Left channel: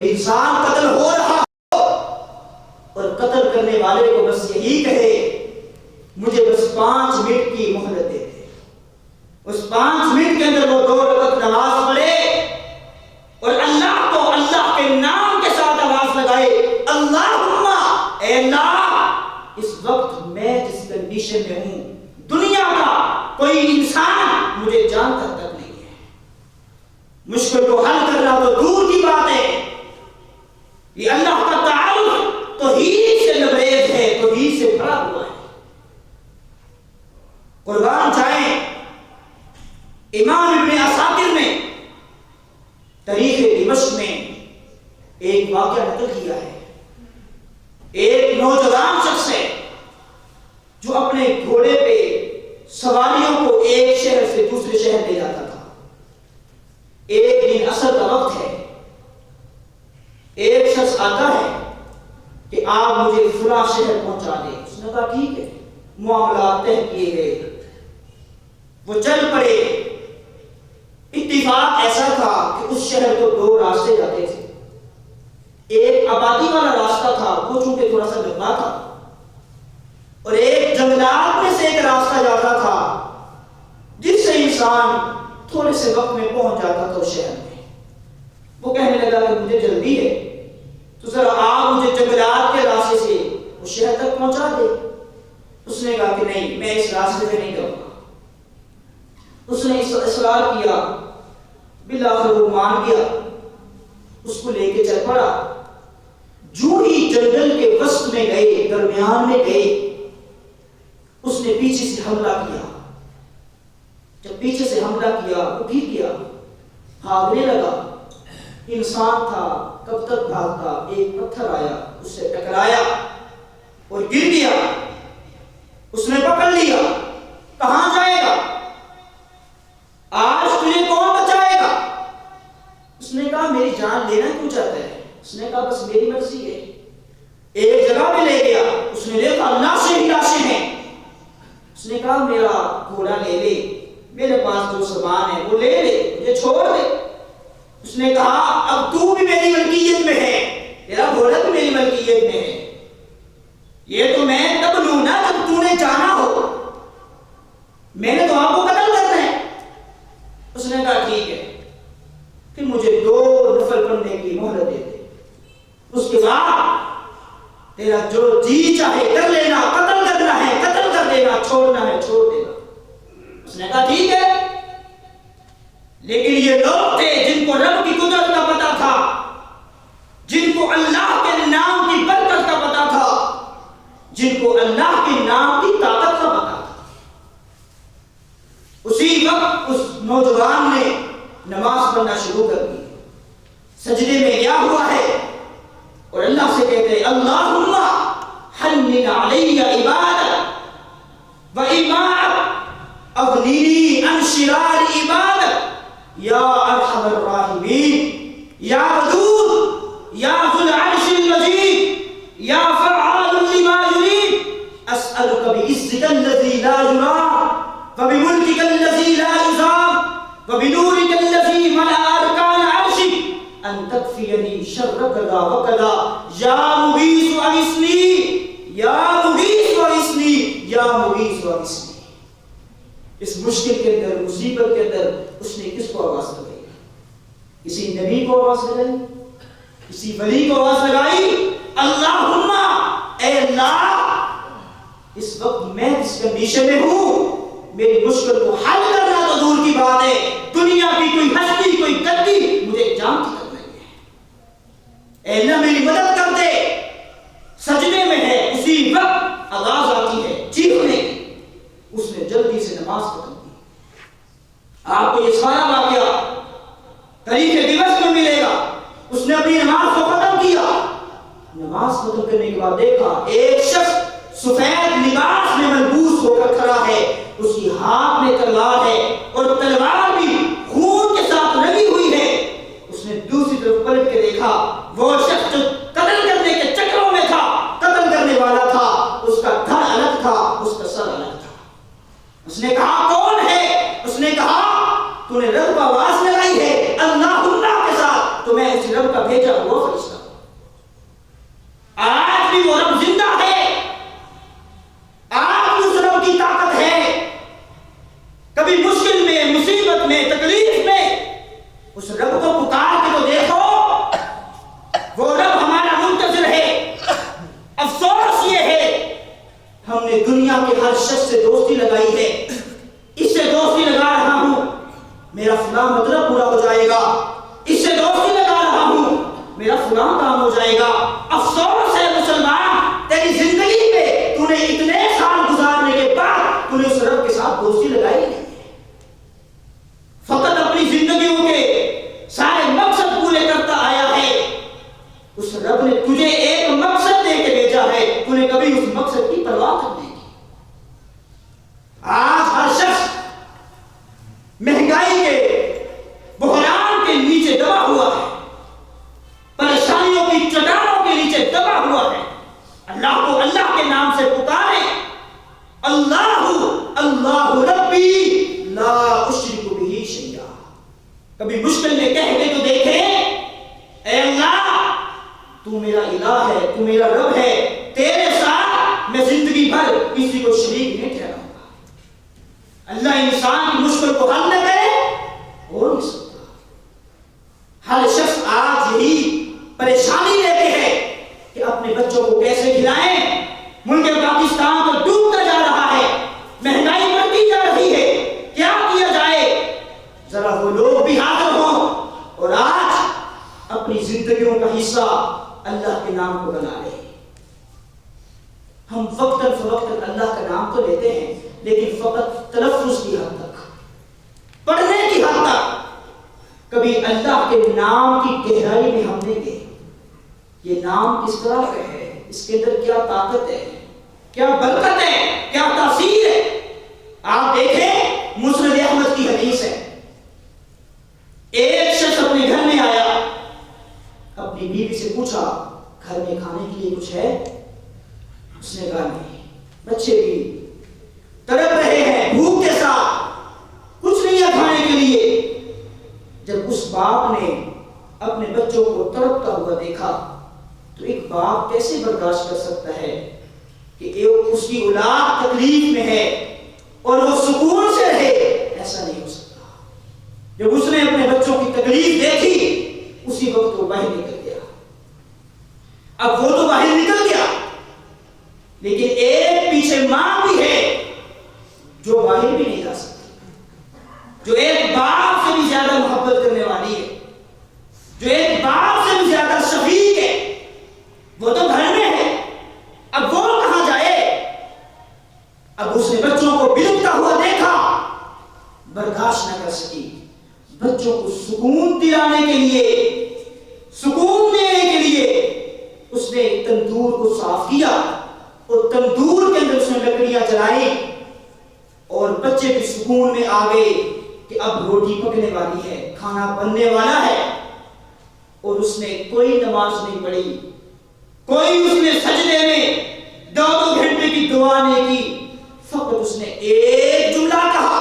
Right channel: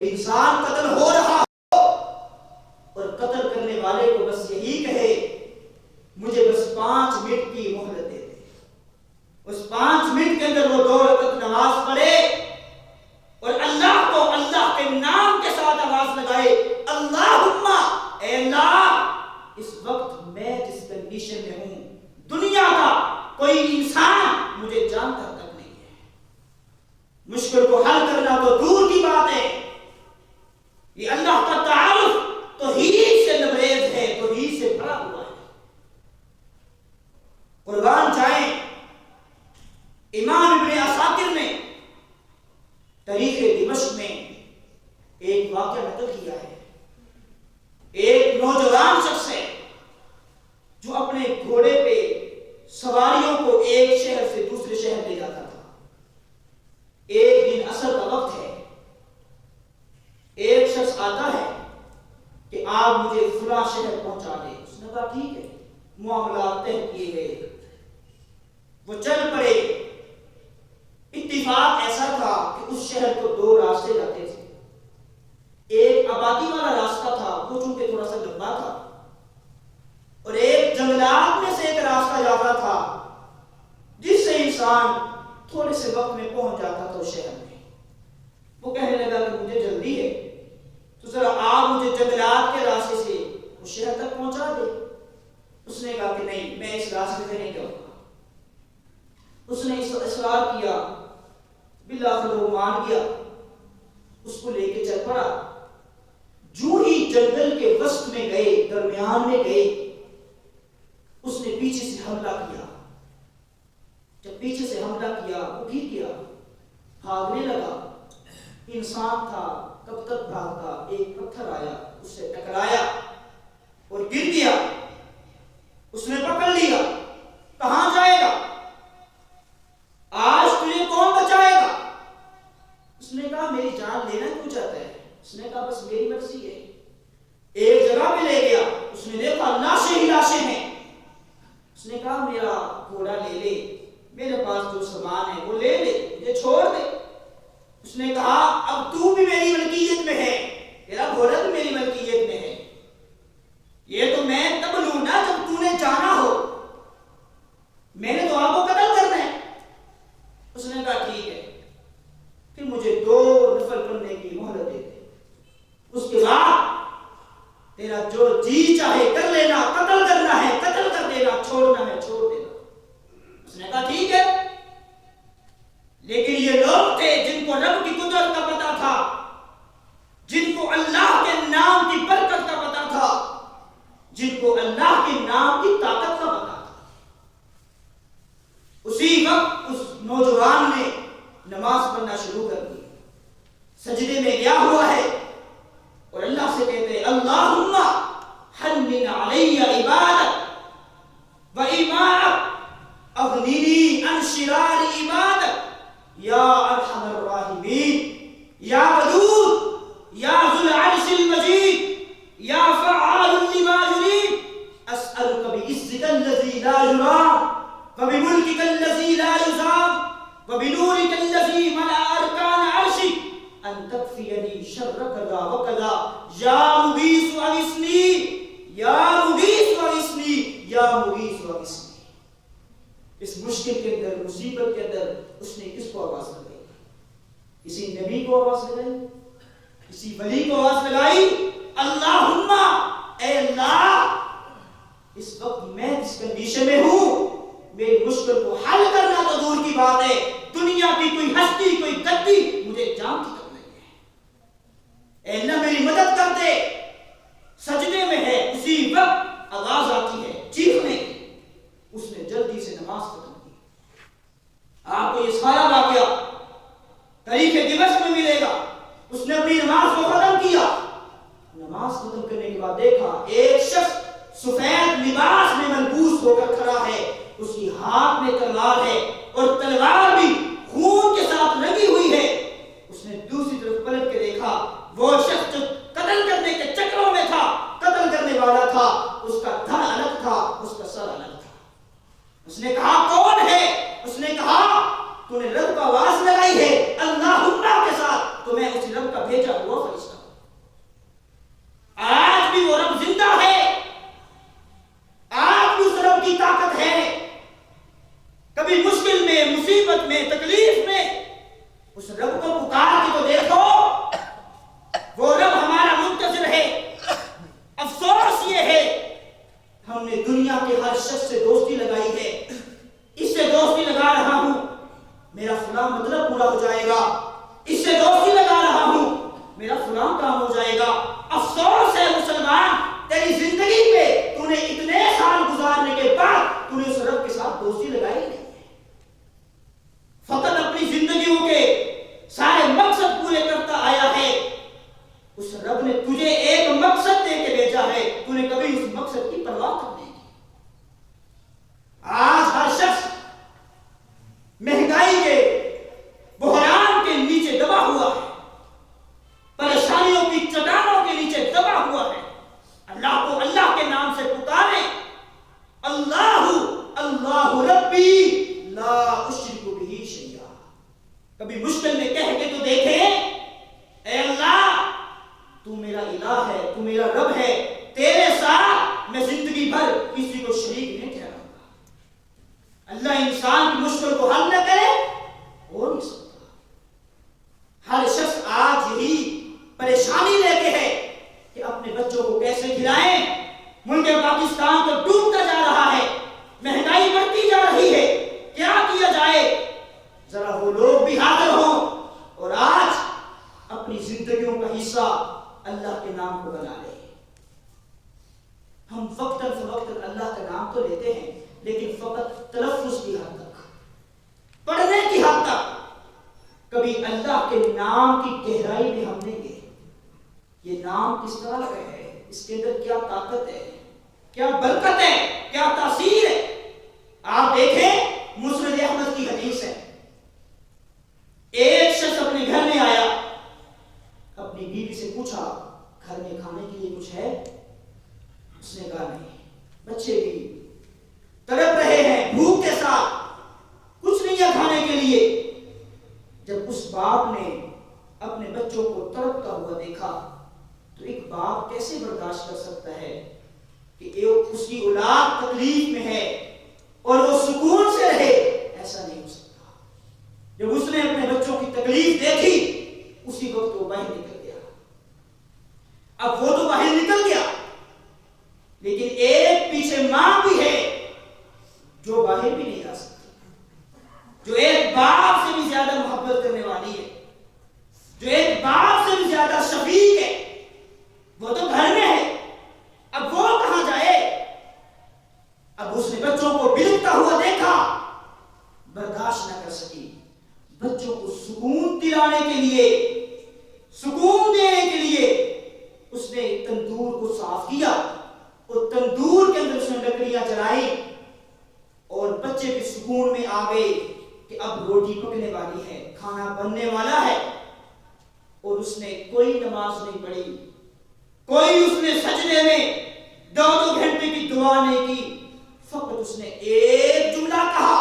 انسان قتل ہو رہا ہو اور قتل کرنے والے کو بس یہی کہے مجھے بس 5 منٹ کی مہلت دے دے، اس 5 منٹ کے اندر وہ 2 رکعت نماز پڑھے اور اللہ کو اللہ کے نام کے ساتھ آواز لگائے، اللہم اے اللہ اس وقت میں جس کنڈیشن میں ہوں دنیا کا کوئی انسان مجھے جانتا تک نہیں ہے، مشکل کو حل کرنا تو دور کی بات ہے، یہ اللہ کا تعارف توحید سے لبریز ہے، توحید سے بھرا ہوا ہے۔ قربان جائیں امام ابن عساکر نے تاریخ دمشق میں ایک واقعہ نقل کیا ہے، ایک نوجوان شخص ہے جو اپنے گھوڑے پہ سواریوں کو ایک شہر سے دوسرے شہر لے جاتا تھا۔ ایک دن عصر کا وقت ہے، ایک شخص آتا ہے کہ آپ مجھے فلاں شہر پہنچا دیں، اس نے کہا ٹھیک ہے، معاملات طے کیے گئے، وہ چل پڑے۔ اتفاق ایسا تھا کہ اس شہر کو 2 راستے جاتے تھے، ایک آبادی والا راستہ تھا وہ چونکہ تھوڑا سا لمبا تھا، اور ایک جنگلات میں سے ایک راستہ جاتا تھا جس سے انسان تھوڑے سے وقت میں پہنچ جاتا تھا اس شہر میں۔ وہ کہنے لگا کہ مجھے جلدی ہے تو ذرا آپ مجھے جنگلات کے راستے سے اس شہر تک پہنچا دے۔ اس نے کہا کہ نہیں، میں اس راستے سے نہیں جاؤں گا۔ اس نے اصرار کیا، بالآخر وہ مان گیا، اس کو لے کے چل پڑا۔ جو ہی جنگل کے وسط میں گئے، درمیان میں گئے، اس نے پیچھے سے حملہ کیا۔ جب پیچھے سے حملہ کیا وہ گر گیا، بھاگنے لگا، انسان تھا کب تک بھاگتا، ایک پتھر آیا اس سے ٹکرایا اور گر گیا۔ اس نے پکڑ لیا، کہاں جائے گا، آج تجھے کون بچائے گا؟ اس نے کہا میری جان لینا کیوں چاہتا ہے؟ اس نے کہا بس میری مرضی ہے۔ ایک جگہ پہ لے گیا، اس نے دیکھا لاشیں ہی لاشیں ہیں۔ اس نے کہا میرا گھوڑا لے لے، میرے پاس جو سامان ہے وہ لے لے، مجھے چھوڑ دے۔ اس نے کہا اب تو بھی میری ملکیت میں ہے، تیرا گھوڑا بھی میری ملکیت میں ہے، یہ تو میں تب لوں نا جب تو نے جانا ہو، میں نے تو آپ کو قتل کرنا ہے۔ اس نے کہا ٹھیک ہے، پھر مجھے 2 نفل پڑھنے کی مہلت دے دے، اس کے بعد تیرا جو جی چاہے کر لینا، قتل کرنا ہے قتل کر دینا، چھوڑنا ہے چھوڑ دینا۔ اس نے کہا ٹھیک ہے، لیکن یہ لوگ تھے جن کو رب کی قدرت کا پتا تھا، جن کو اللہ کے نام کی برکت کا پتا تھا، جن کو اللہ کے نام کی طاقت کا پتا تھا۔ اسی وقت اس نوجوان نے نماز پڑھنا شروع کر دی، سجدے میں گیا ہوا ہے اور اللہ سے کہتے ہیں اللہم حنن علی عبادک و ایمانک اغنینی عن شرار عبادک یا ارحم الراحمین یا ودود یا ذو العرش المجید یا فعال لما یرید اسألک بعزک الذی لا یرام وبملکک الذی لا یزام وبنورک الذی ملأ ارکان عرشک ان تکفینی شر کذا وکذا یا مغیث اغثنی یا مغیث اغثنی یا مغیث اغثنی۔ اس مشکل کے اندر، مصیبت کے اندر اس نے کس کو آواز لگائی؟ کسی نبی کو آواز لگائی؟ کسی ولی کو آواز لگائی؟ اللہم اے اللہ اس وقت میں جس کنڈیشن میں ہوں، میری مشکل کو حل کرنا تو دور کی بات ہے، دنیا کی کوئی ہستی کوئی گدی مجھے جانتی تک نہیں ہے، اے اللہ میری مدد کر دے۔ سجدے میں ہے، اسی وقت آواز آتی ہے چیخنے کی، اس نے جلدی سے نماز ختم کی۔ آپ کو یہ سارا واقعہ تاریخ دمشق میں ملے گا۔ اس نے اپنی نماز کو ختم کیا، نماز ختم کرنے کے بعد دیکھا ایک شخص سفید لباس میں ملبوس ہو کر کھڑا ہے، اس کی ہاتھ میں تلوار ہے اور تلوار بھی خون کے ساتھ لگی ہوئی ہے۔ اس نے دوسری طرف پلٹ کے دیکھا، وہ شخص جو قتل کرنے کے چکروں میں تھا، قتل کرنے والا تھا، اس کا دھڑ الگ تھا، اس کا سر الگ تھا۔ اس نے کہا کون ہے؟ اس نے کہا تو نے رب کو آواز لگائی ہے اللہم کے ساتھ، تو میں اس رب کا کا بھیجا ہوا فرشتہ. آج بھی وہ رب زندہ ہے، آج بھی اس رب کی طاقت ہے. کبھی مشکل میں، مصیبت میں، تکلیف میں اس رب کو پکار کے تو دیکھو. وہ رب ہمارا منتظر ہے. افسوس یہ ہے ہم نے دنیا کے ہر شخص سے دوستی لگائی ہے. اس سے دوستی لگا رہا ہوں میرا فلاں مطلب پورا ہو جائے گا، اس سے دوستی لگا رہا ہوں میرا فلاں کام ہو جائے گا. افسوس ہے مسلمان، تیری زندگی میں تو نے اتنے سال گزارنے کے بعد تو نے اس رب کے ساتھ دوستی لگائی نہیں. فقط اپنی زندگیوں کے سارے مقصد پورے کرتا آیا ہے. اس رب نے تجھے ایک مقصد دے کے بھیجا ہے، تو نے کبھی اس مقصد کی پرواہ تک نہیں کی. آج ہر شخص مہنگائی کے بحران کے نیچے دبا ہوا ہے، پریشانیوں کی چٹانوں کے نیچے دبا ہوا ہے. اللہ کو اللہ کے نام سے پکارے. اللہ اللہ ربی لا اشرک بہ شیئا. کبھی مشکل میں کہہ کے تو دیکھیں، اے اللہ تو میرا الہ ہے، تو میرا رب ہے، تیرے ساتھ میں زندگی بھر کسی کو شریک نہیں ٹھہراؤں گا. اللہ انسان کی مشکل کو حل نہ کرے ہو نہیں سکتا. ہر شخص آج یہی پریشانی لیتے ہیں کہ اپنے بچوں کو کیسے کھلائیں. ملک پاکستان تو ڈوبتا جا رہا ہے، مہنگائی بڑھتی جا رہی ہے، کیا کیا جائے؟ ذرا وہ لوگ بھی حاضر ہوں اور آج اپنی زندگیوں کا حصہ اللہ کے نام کو بنا لیں. ہم وقتاً فوقتاً اللہ کا نام تو لیتے ہیں لیکن فقط تلفظ کی حد تک، پڑھنے کی حد تک. کبھی اللہ کے نام کی گہرائی میں ہم نہیں گئے. یہ نام کس طرح کا ہے، اس کے اندر کیا طاقت ہے، کیا برکت ہے، کیا تاثیر ہے. آپ دیکھیں مسند احمد کی حدیث ہے. ایک شخص اپنے گھر میں آیا، اپنی بیوی سے پوچھا گھر میں کھانے کے لیے کچھ ہے؟ اس نے کہا نہیں. بچے بھی تڑپ رہے ہیں بھوک کے ساتھ، کچھ نہیں ہے کھانے کے لیے. جب اس باپ نے اپنے بچوں کو تڑپتا ہوا دیکھا تو ایک باپ کیسے برداشت کر سکتا ہے کہ اس کی اولاد تکلیف میں ہے اور وہ سکون سے رہے؟ ایسا نہیں ہو سکتا. جب اس نے اپنے بچوں کی تکلیف دیکھی اسی وقت وہ باہر نکل گیا. اب وہ تو باہر نکل گیا لیکن ایک پیچھے ماں بھی ہے جو باہر بھی نہیں جا سکتی، جو ایک باپ سے بھی زیادہ محبت کرنے والی ہے، جو ایک باپ سے بھی زیادہ شفیق ہے. وہ تو گھر میں ہے، اب وہ کہاں جائے؟ اب اس نے بچوں کو بلکتا ہوا دیکھا، برداشت نہ کر سکی. بچوں کو سکون دلانے کے لیے، سکون دینے کے لیے اس نے تندور کو صاف کیا اور تندور کے اندر اس نے لکڑیاں جلائی اور بچے بھی سکون میں آ گئے کہ اب روٹی پکنے والی ہے، کھانا بننے والا ہے. اور اس نے کوئی نماز نہیں پڑھی، کوئی اس نے سجدے میں 2 گھنٹے کی دعا نہیں کی. فقط اس نے ایک جملہ کہا،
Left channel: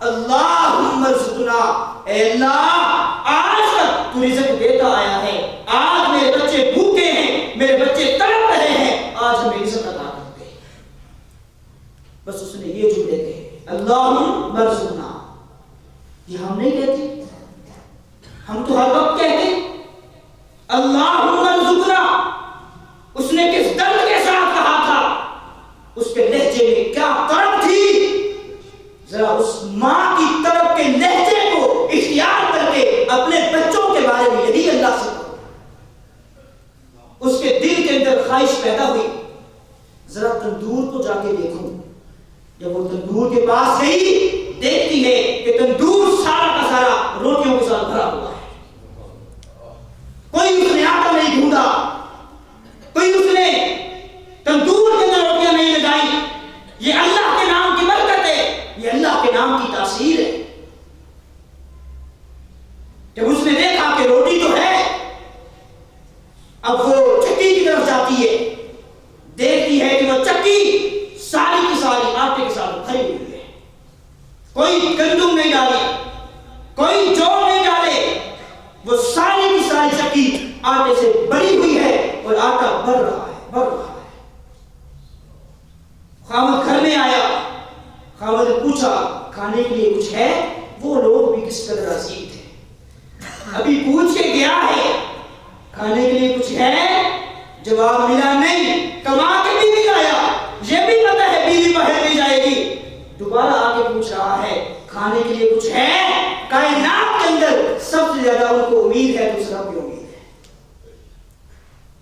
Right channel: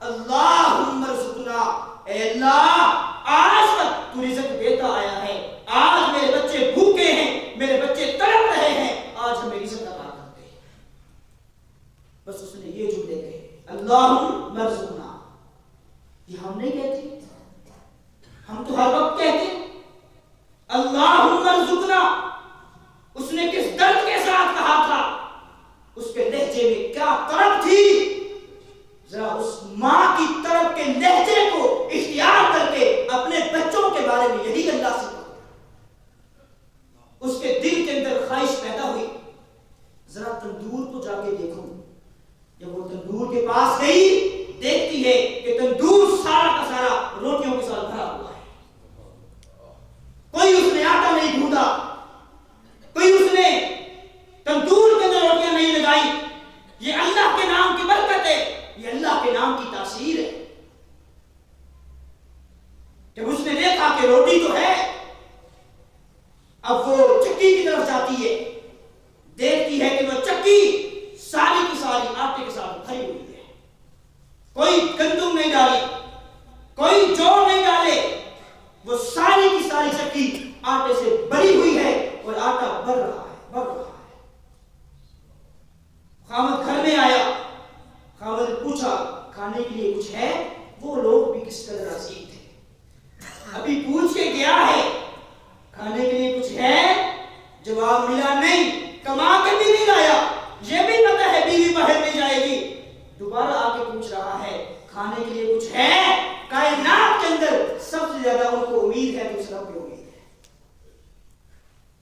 اللہم ارزقنا. اے اللہ آج تک تو رزق دیتا آیا ہے، آج میرے بچے بھوکے ہیں، میرے بچے تڑپ رہے ہیں، آج ہمیں رزق عطا کر دے. بس اس نے یہ جملے کہے، اللہم ارزقنا. یہ ہم نہیں کہتے، ہم تو ہر وقت کہتے اللہم ارزقنا. اس نے کس درد کے ساتھ کہا تھا، اس کے لہجے میں کیا طرب تھی. ذرا اس ماں کی طرب کے لہجے کو اختیار کر کے اپنے بچوں کے بارے میں یہی اللہ سے کہو. اس کے دل کے اندر خواہش پیدا ہوئی، ذرا تندور کو جا کے دیکھوں. جب وہ تندور کے پاس گئی دیکھتی ہے کہ تندور سارا کا سارا روٹیوں کے ساتھ بھرا ہوا ہے. کوئی اس نے آٹا نہیں ڈھونڈا، کوئی اس نے تندور کے اندر روٹیاں نہیں لگائی. یہ اللہ کے نام کی برکت ہے، یہ اللہ کے نام کی تاثیر ہے. جب اس نے دیکھا کہ روٹی تو ہے، اب وہ چکی کی طرف جاتی ہے، دیکھتی ہے کہ وہ چکی ساری کی ساری آٹے کے ساتھ بھری ہوئی ہے، کوئی گندم نہیں ڈالی، آٹے سے بری ہوئی ہے اور آٹا بڑھ رہا ہے. خامد گھر میں آیا. خامد نے پوچھا کھانے کے لیے کچھ ہے؟ وہ لوگ بھی کس قدر عظیم تھے. ابھی پوچھ کے گیا ہے کھانے کے لیے کچھ ہے، جواب ملا نہیں. کما کے بھی نہیں لایا، یہ بھی پتہ ہے بیوی باہر نہیں جائے گی. دوبارہ آ کے پوچھ رہا ہے کھانے کے لیے کچھ ہے. کائنات کے اندر سب سے زیادہ ان کو امید ہے تو اس رب کی امید ہے.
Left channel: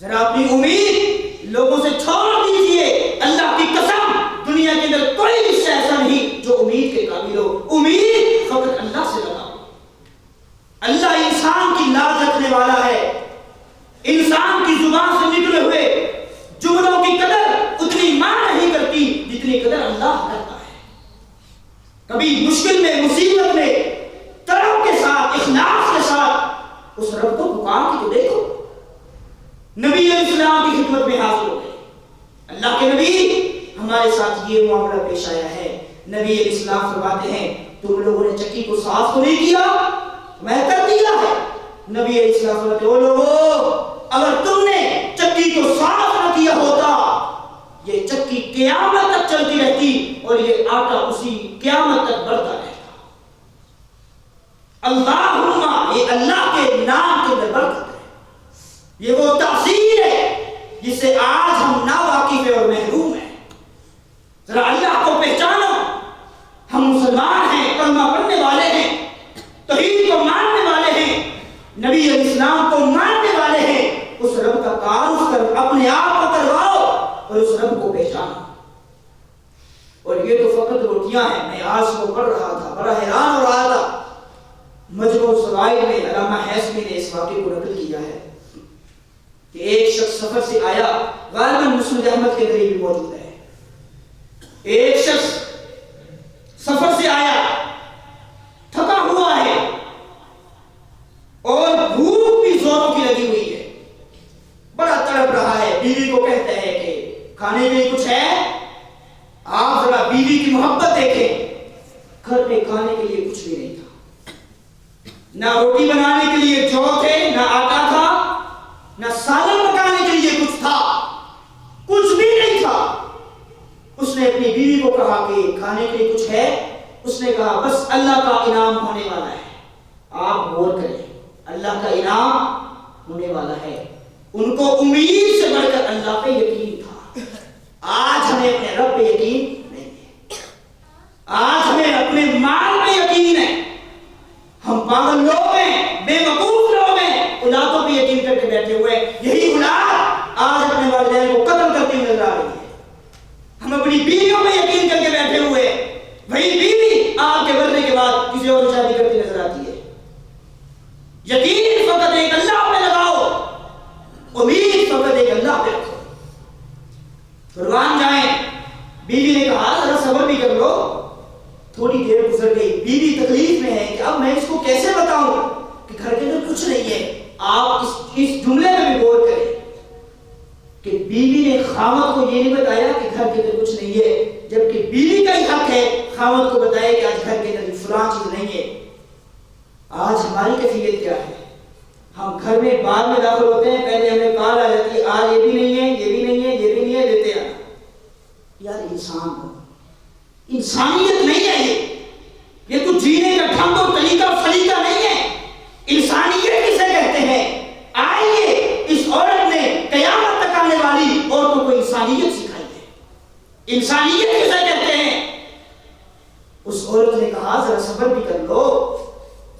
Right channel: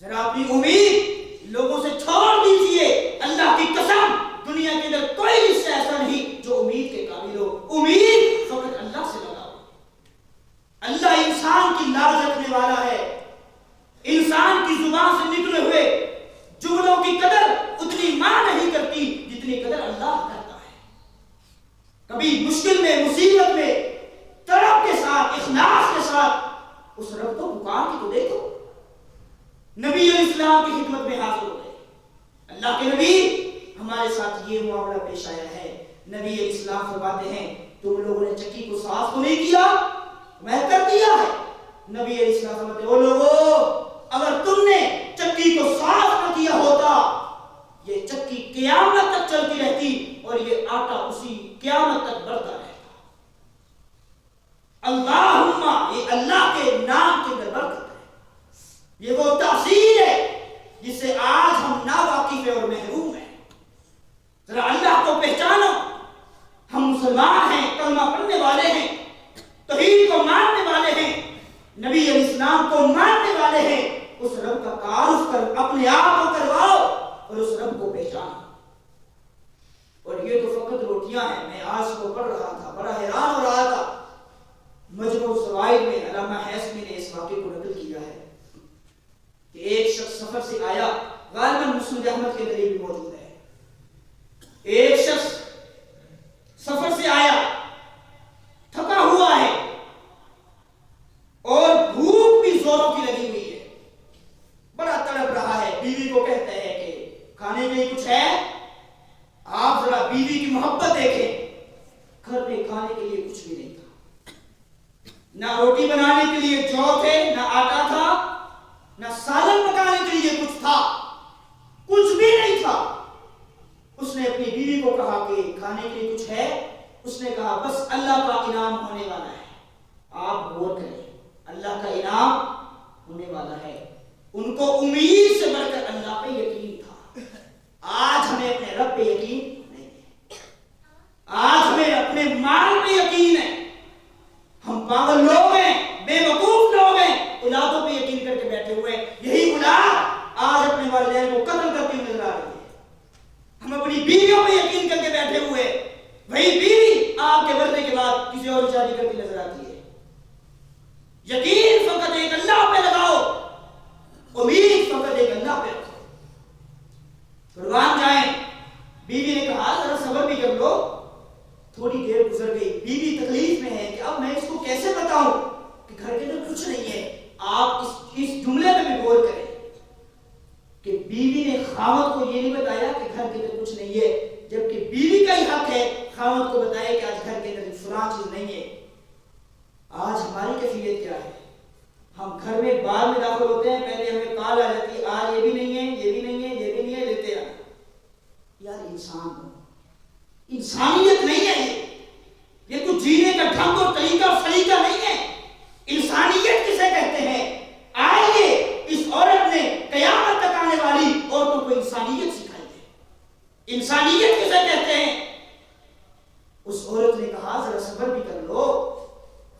ذرا اپنی امید لوگوں سے چھوڑ دیجئے. اللہ کی قسم دنیا کے اندر کوئی رشتہ ایسا نہیں جو امید کے قابل ہو. امید فقط اللہ سے لگاؤ. اللہ انسان کی لاز رکھنے والا ہے. انسان کی زبان سے نکلے ہوئے جملوں کی قدر اتنی ماں نہیں کرتی جتنی قدر اللہ کرتا ہے. کبھی مشکل میں، مصیبت میں طلب کے ساتھ، اخلاص کے ساتھ اس رب کو پکار کے تو دیکھو. نبی علیہ السلام کی خدمت میں حاضر ہو گئے. اللہ کے نبی ہمارے ساتھ یہ معاملہ پیش آیا ہے. نبی علیہ السلام فرماتے ہیں تم لوگوں نے چکی کو صاف تو نہیں کیا؟ میں کر دیا ہے. نبی علیہ السلام فرماتے او لوگو اگر تم نے چکی کو صاف نہ کیا ہوتا یہ چکی قیامت تک چلتی رہتی اور یہ آٹا اسی قیامت تک بڑھتا رہتا. اللہم یہ اللہ کے نام کے اندر برکت ہے. یہ وہ تحصیل ہے جس سے آج ہم ناواقف اور محروم ہیں. ذرا اللہ کو پہچانو. ہم مسلمان ہیں، کلمہ پڑھنے والے ہیں، توحید کو ماننے والے ہیں، نبی علیہ السلام کو ماننے والے ہیں. اس رب کا تعارف کر اپنے آپ کو کرواؤ اور اس رب کو پہچانو. اور یہ تو فقط روٹیاں ہیں. میں آج کو پڑھ رہا تھا، بڑا حیران ہو رہا تھا. مجموع الزوائد میں علامہ حیثمی نے اس واقعے کو نقل کیا ہے کہ ایک شخص سفر سے آیا. غالباً مسند احمد کے قریب موجود ہے. ایک شخص سفر سے آیا، تھکا ہوا ہے اور بھوک بھی زوروں کی لگی ہوئی ہے، بڑا تڑپ رہا ہے. بیوی کو کہتا ہے کہ کھانے کے لیے کچھ ہے؟ آپ ذرا بیوی کی محبت دیکھیں. گھر میں کھانے کے لیے کچھ بھی نہیں تھا. نہ روٹی بنانے کے لیے جو تھے، نہ آٹا تھا، نہ سالن پکانے کے لیے کچھ تھا، کچھ بھی نہیں تھا. اس نے اپنی بیوی کو کہا کہ کھانے کے لیے کچھ ہے؟ اس نے کہا بس اللہ کا انعام ہونے والا ہے، آپ غور کریں، اللہ کا انعام ہونے والا ہے. ان کو امید سے بڑھ کر اللہ پہ یقین تھا. آج ہمیں اپنے رب پہ یقین نہیں ہے. آج ہمیں اپنے مال پہ یقین ہے. ہم پاگل لوگ ہیں، بے وقوف لوگ ہیں، اولادوں پہ یقین کر کے بیٹھے ہوئے. یہی اولاد آج اپنے والدین کو قتل کرتی ہوئی نظر آ رہی ہے. ہم اپنی بیویوں پہ یقین کر کے بیٹھے ہوئے، وہی بیوی آپ کے مرنے کے بعد کسی اور شادی کرتی نظر آتی ہے. یقین فقط ایک اللہ پہ لگاؤ، امید فقط ایک اللہ پہ رکھو. قربان جائیں. بیوی نے کہا ذرا صبر بھی کر لو. تھوڑی دیر گزر گئی، بیوی تکلیف میں ہے کہ اب میں اس کو کیسے بتاؤں کہ گھر کے اندر کچھ نہیں ہے. آپ اس جملے میں بھی غور کریں کہ بیوی نے خاوند کو یہ نہیں بتایا کہ گھر کے اندر کچھ نہیں ہے، جبکہ بیوی کا ہی حق ہے خاوند کو بتایا کہ آج گھر کے اندر فلاں چیز نہیں ہے. آج ہماری کیفیت کیا ہے؟ ہم گھر میں بعد میں داخل ہوتے ہیں، پہلے ہمیں کال آ جاتی ہے آج یہ بھی نہیں ہے، یہ بھی نہیں ہے، یہ بھی نہیں ہے، لیتے آنا. یار انسان ہو، انسانیت نہیں ہے. یہ کچھ جینے کا ڈھنگ اور طریقہ اور سلیقہ نہیں ہے. انسانیت کسے کہتے ہیں؟ آئیے اس عورت نے قیامت تک آنے والی عورتوں کو انسانیت سکھائی ہے. انسانیت کسے کہتے ہیں؟ اس عورت نے کہا ذرا صبر بھی کر لو.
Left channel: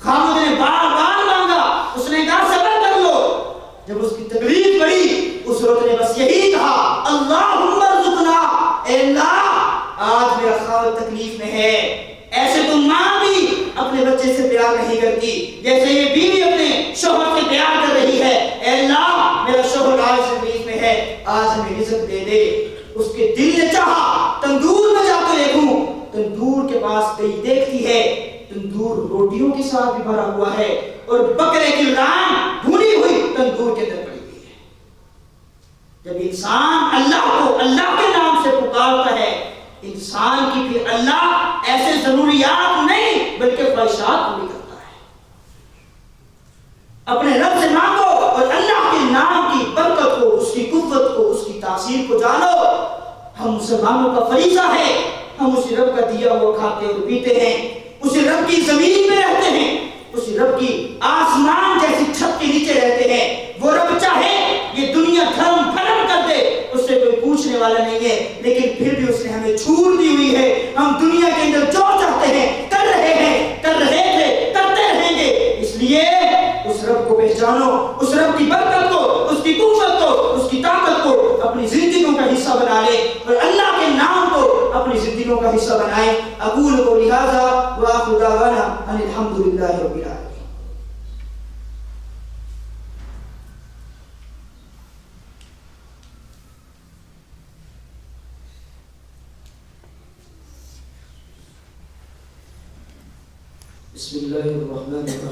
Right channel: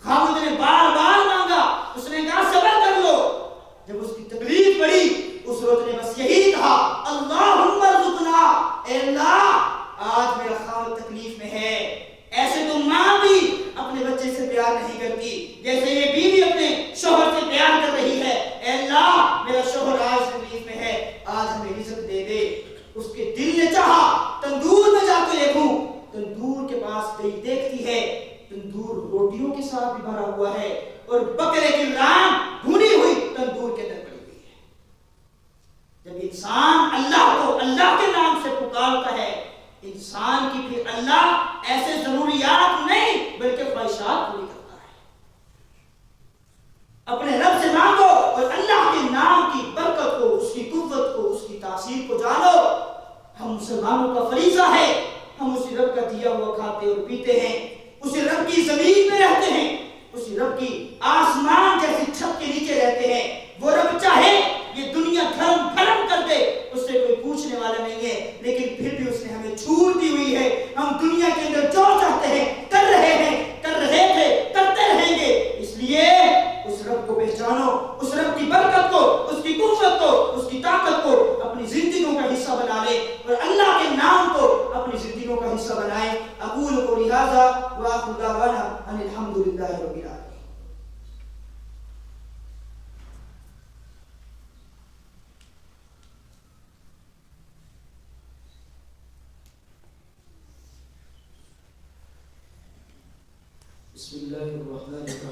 خاوند نے بار بار مانگا، اس نے کہا صبر کر لو. جب اس کی تکلیف بڑھی اس عورت نے بس یہی کہا اللہم ارزقنا، اے اللہ آج میرا خاوند تکلیف میں ہے. ایسے تو ماں بھی اپنے بچے سے پیار نہیں کرتی جیسے یہ بیوی اپنے شوہر سے پیار کر رہی ہے. اے اللہ میرا شوہر آج تکلیف میں ہے، آج ہمیں رزق دے دے. اس کے دل نے چاہا تندور میں جا کے دیکھوں. تندور کے پاس گئی، دیکھتی ہے تندور روٹیوں کے ساتھ بھی بھرا ہوا ہے اور بکرے کی ران بھونی ہوئی تندور کے اندر پڑی ہوئی ہے. جب انسان اللہ کو اللہ کے نام سے پکارتا ہے، انسان کی پھر اللہ ایسے ضروریات نہیں بلکہ خواہشات پوری کرتا ہے. اپنے رب سے مانگو اور اللہ کے نام ہم مسلمانوں کا فریضہ ہے ہم اسی رب کا دیا ہوا کھاتے اور پیتے ہیں، اسی رب کی زمین میں رہتے ہیں، اسی رب کی آسمان جیسی چھت کے نیچے رہتے ہیں۔ وہ رب چاہے یہ دنیا دھرم پھرم کر دے، اس سے کوئی پوچھنے والا نہیں ہے، لیکن پھر بھی اس نے ہمیں چھوٹ دی ہوئی ہے۔ ہم دنیا کے اندر جو چاہتے ہیں کر رہے ہیں، کر رہے تھے، کرتے رہیں گے۔ اس لیے اس رب کو پہچانو، اس رب کی برکت کو، اس کی قوت کو، اس کی طاقت کو اپنی زندگیوں کا حصہ بنا لے اور اللہ کے نام کو اپنی زندگیوں کا حصہ بنائے۔ اقول قولی ھذا وآخر دعوانا ان الحمد للہ رب العالمین۔ بسم اللہ الرحمن الرحیم۔